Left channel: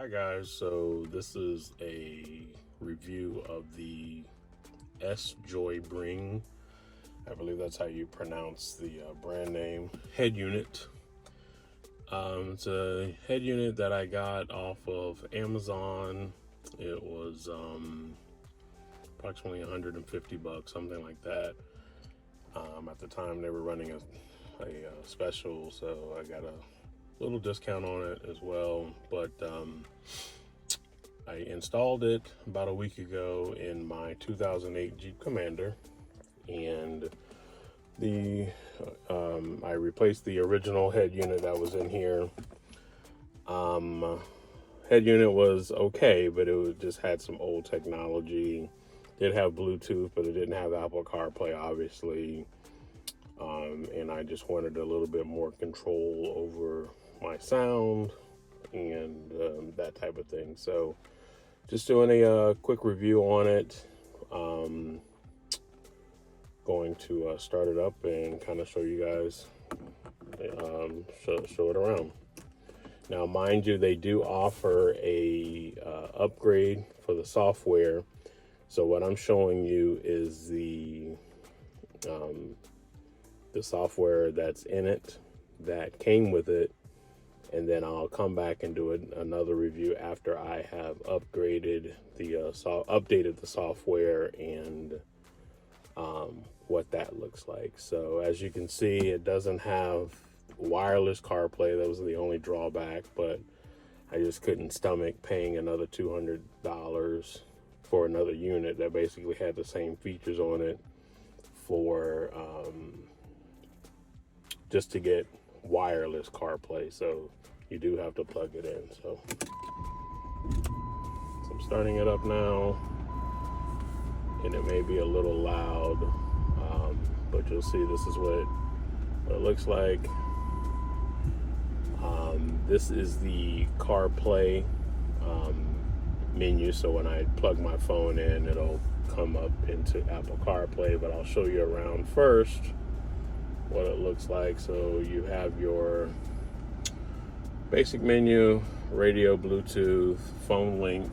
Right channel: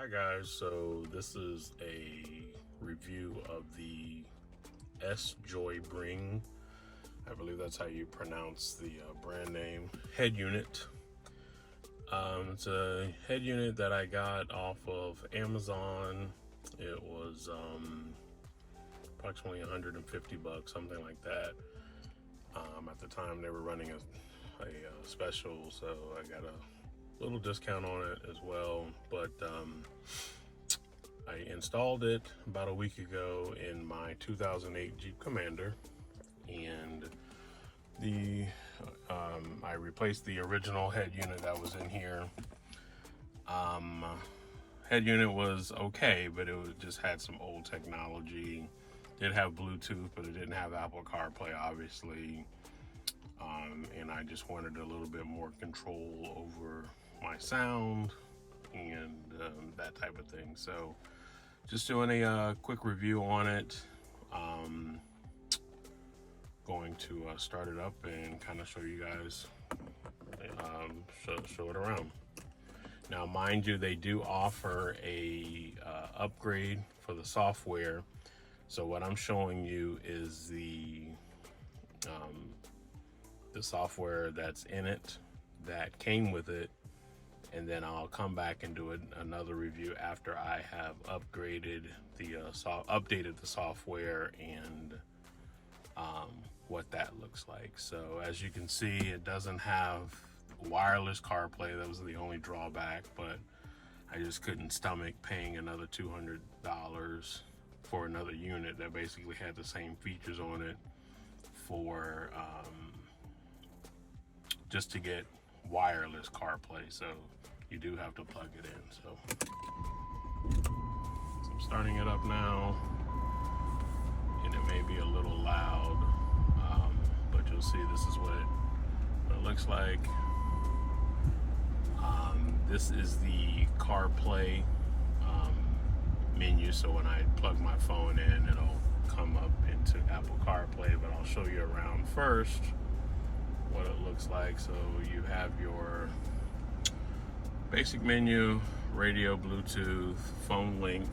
Hi guys, so this is a review of the Joy-Bring. I believe that's how you pronounce the brand name head unit. It's a head unit that I got off of Amazon. It was approximately 150 bucks, something like that. At the time they were running a special, so I got a little discount on it as well. But I installed it about a week ago in my 2008 Jeep Commander, and I replaced the original head unit that was in here. Head unit was okay, but just had some old technology. Did have Bluetooth, but it didn't have Apple Carplay, obviously. And I just wanted a little bit more control over my sound and that type of thing. So just doing a quick review on it. Going to start it up and kind of show you guys, show it around. Now, mind you, they do offer a upgrade for the software. So what I'm showing you is the software that's in it, that came with it, and then I'll come back and do another review after I have upgraded updated the software and what that looks like. So as you can see, it doesn't have wireless CarPlay. That was the only drawback, but I just couldn't stomach paying another $200 for another unit that basically had the same features on it for just to get wireless CarPlay. So you do have to plug it in. So I'm starting it up now, and it may be a little loud, but you'll see this is what it looks like. This is the CarPlay menu, so when I plug my phone in, it'll come up into Apple CarPlay, but I'll show you around first what it looks like. So you have your basic menu, radio, Bluetooth, phone link,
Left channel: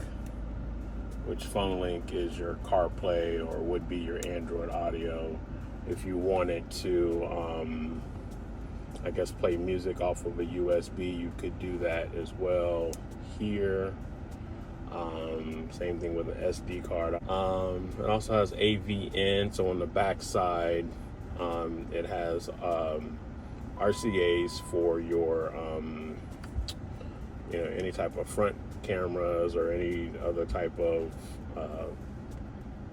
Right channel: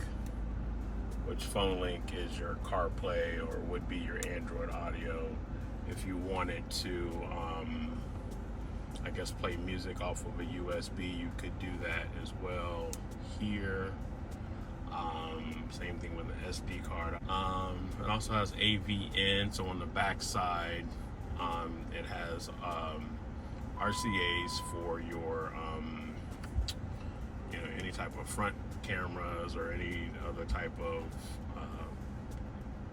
which phone link is your CarPlay or would be your Android Audio. If you wanted to, I guess, play music off of a USB, you could do that as well here. Same thing with an SD card. It also has AVN, so on the back side, it has RCAs for your, any type of front cameras or any other type of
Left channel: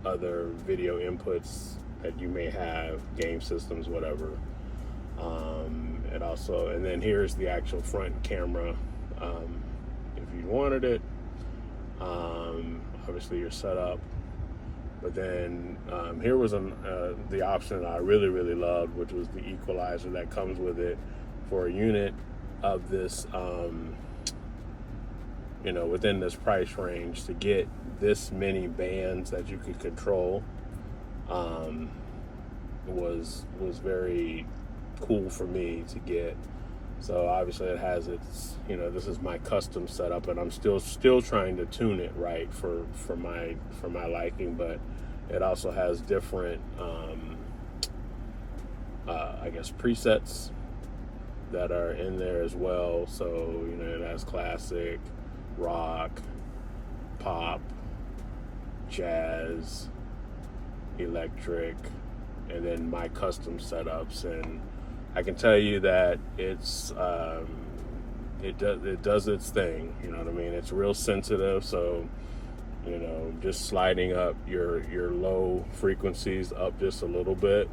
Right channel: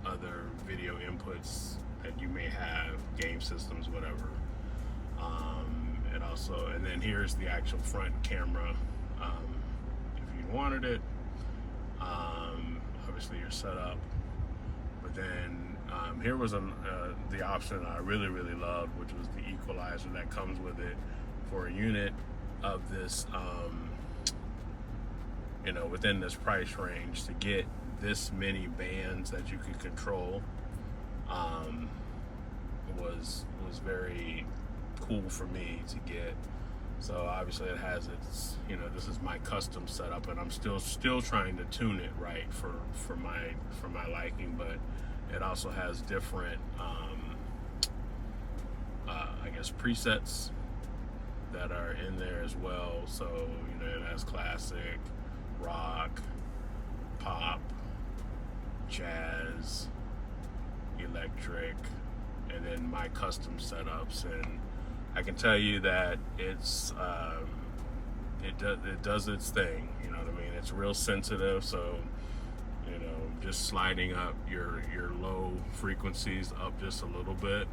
other video inputs that you may have, game systems, whatever. And then here's the actual front camera if you wanted it. Obviously your setup, but then here was the option that I really loved, which was the equalizer that comes with it for a unit of this, within this price range. To get this many bands that you could control was very cool for me to get. So obviously it has its, this is my custom setup, and I'm still trying to tune it right for my liking. But it also has different I guess presets that are in there as well. So it has classic, rock, pop, jazz, electric, and then my custom setups. And I can tell you that it's it does its thing. You know what I mean? It's real sensitive. So just sliding up your low frequencies up just a little bit,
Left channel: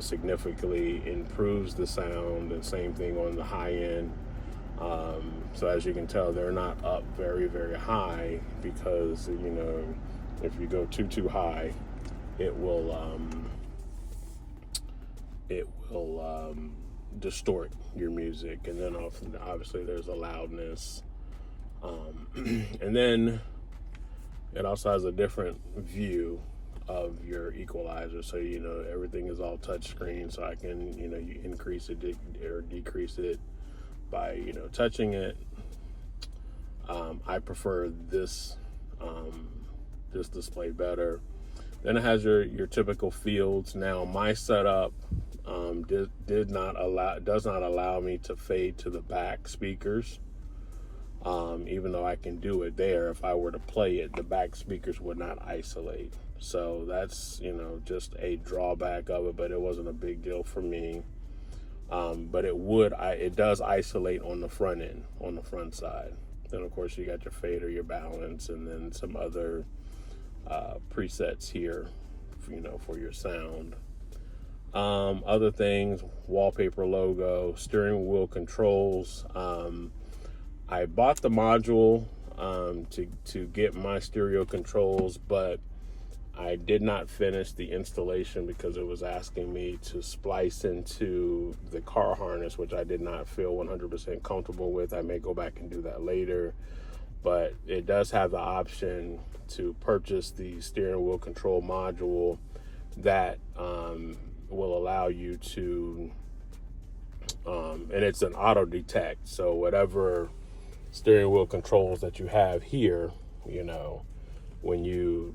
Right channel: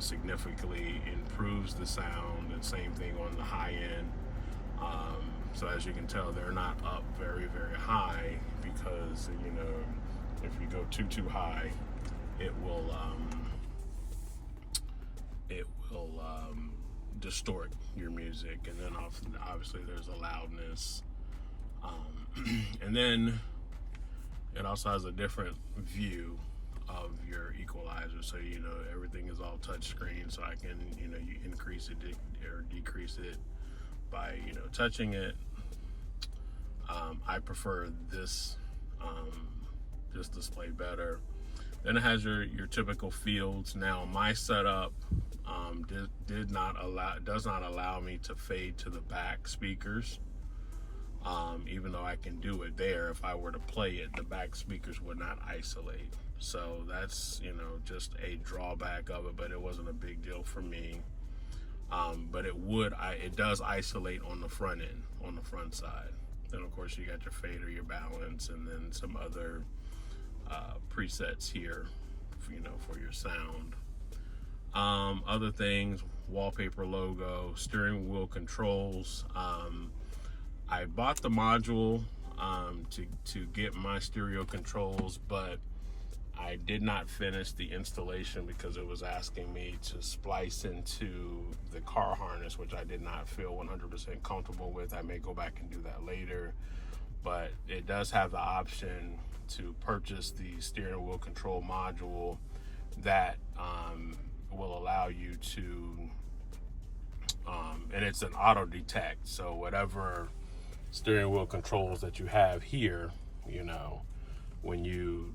significantly improves the sound. And same thing on the high end. So as you can tell, they're not up very high, because if you go too high, it will distort your music. And then obviously there's a loudness, and then it also has a different view of your equalizer. So everything is all touch screen, so I can you increase it or decrease it by touching it. I prefer this display better. Then it has your typical fields. Now my setup does not allow me to fade to the back speakers. Even though I can do it there, if I were to play it, the back speakers would not isolate. So that's, you know, just a drawback of it, but it wasn't a big deal for me. But it does isolate on the front end, on the front side. Then of course you got your fader, your balance, and then some other presets here, you know, for your sound. Other things, wallpaper logo, steering wheel controls. I bought the module to get my stereo controls, but I did not finish the installation because it was asking me to splice into the car harness, which I did not feel 100% comfortable with. I may go back and do that later, but it does have the option to purchase the steering wheel control module that will allow you to, and it's an auto detect. So whatever steering wheel controls that you have here, you know, when you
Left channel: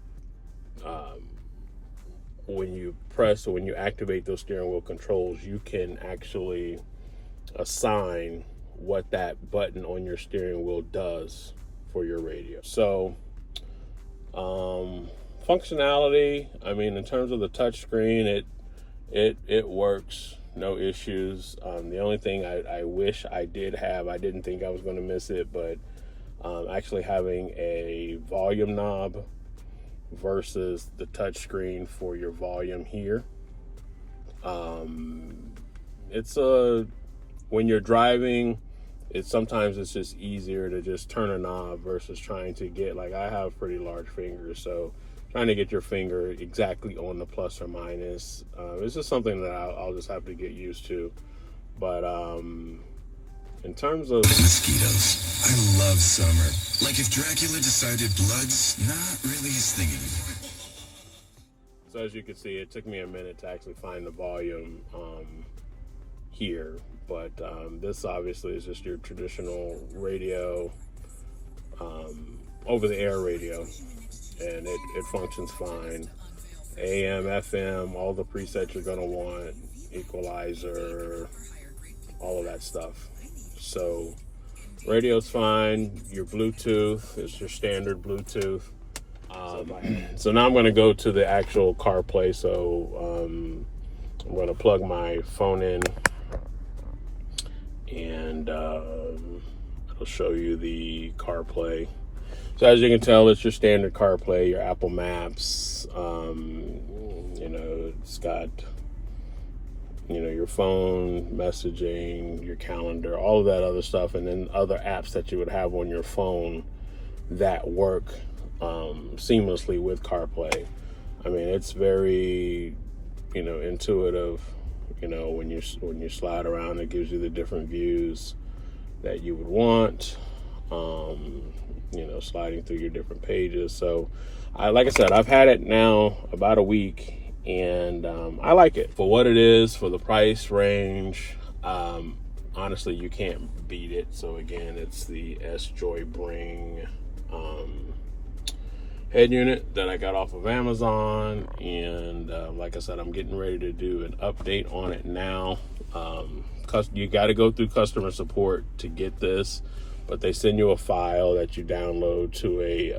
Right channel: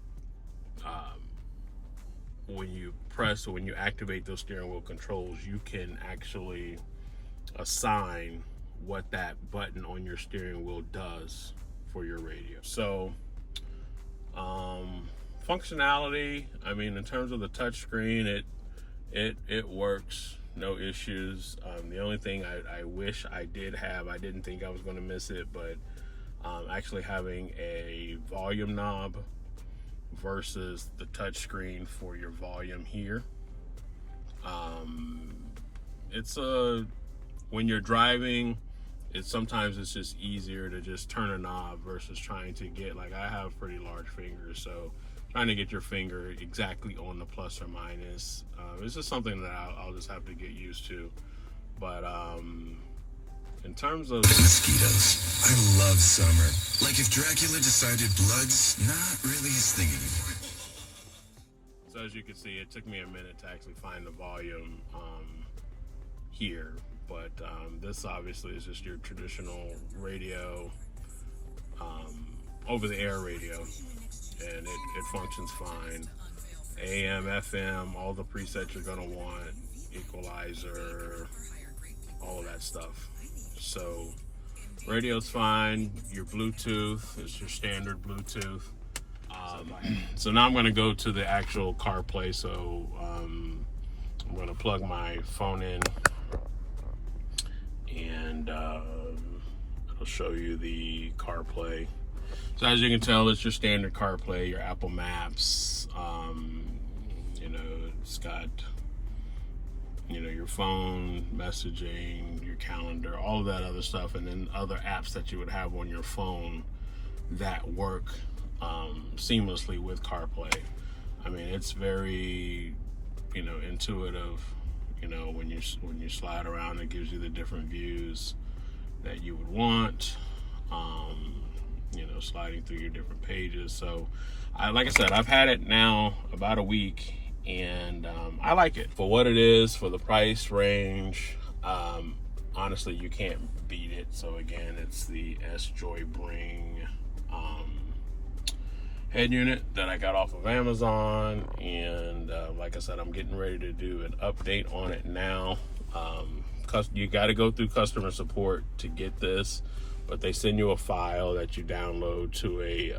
press, or when you activate those steering wheel controls, you can actually assign what that button on your steering wheel does for your radio. So functionality, I mean, in terms of the touch screen, it works, no issues. The only thing I wish I did have, I didn't think I was going to miss it, but actually having a volume knob versus the touch screen for your volume here. It's when you're driving, sometimes it's just easier to just turn a knob versus trying to get, like, I have pretty large fingers, so trying to get your finger exactly on the plus or minus, it's just something that I'll just have to get used to. But in terms of mosquitoes, I love summer. Like if Dracula decided blood's not really his thing anymore. So as you can see, it took me a minute to actually find the volume here, but this obviously is just your traditional radio, over-the-air radio, and it functions fine. AM, FM, all the presets you're gonna want, equalizer, all of that stuff. So radio's fine. Your Bluetooth is your standard Bluetooth. So now I'm going to go to the actual CarPlay. So I'm going to plug my phone in, and it'll show you the CarPlay. So as you can tell, it's your standard CarPlay, your Apple Maps. You know, it's got, you know, your phone, messaging, your calendar, all of that other stuff, and then other apps that you would have on your phone that work seamlessly with CarPlay. I mean, it's very, you know, intuitive. You know, when you slide around, it gives you the different views that you would want. You know, sliding through your different pages. So, like I said, I've had it now about a week, and I like it for what it is, for the price range. Honestly, you can't beat it. So again, it's the Joybring head unit that I got off of Amazon, and like I said, I'm getting ready to do an update on it now. You got to go through customer support to get this, but they send you a file that you download to a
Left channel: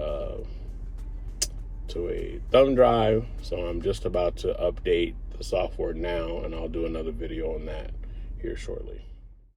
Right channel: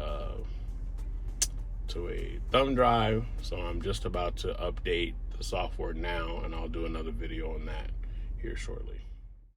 thumb drive. So I'm just about to update the software now, and I'll do another video on that here shortly.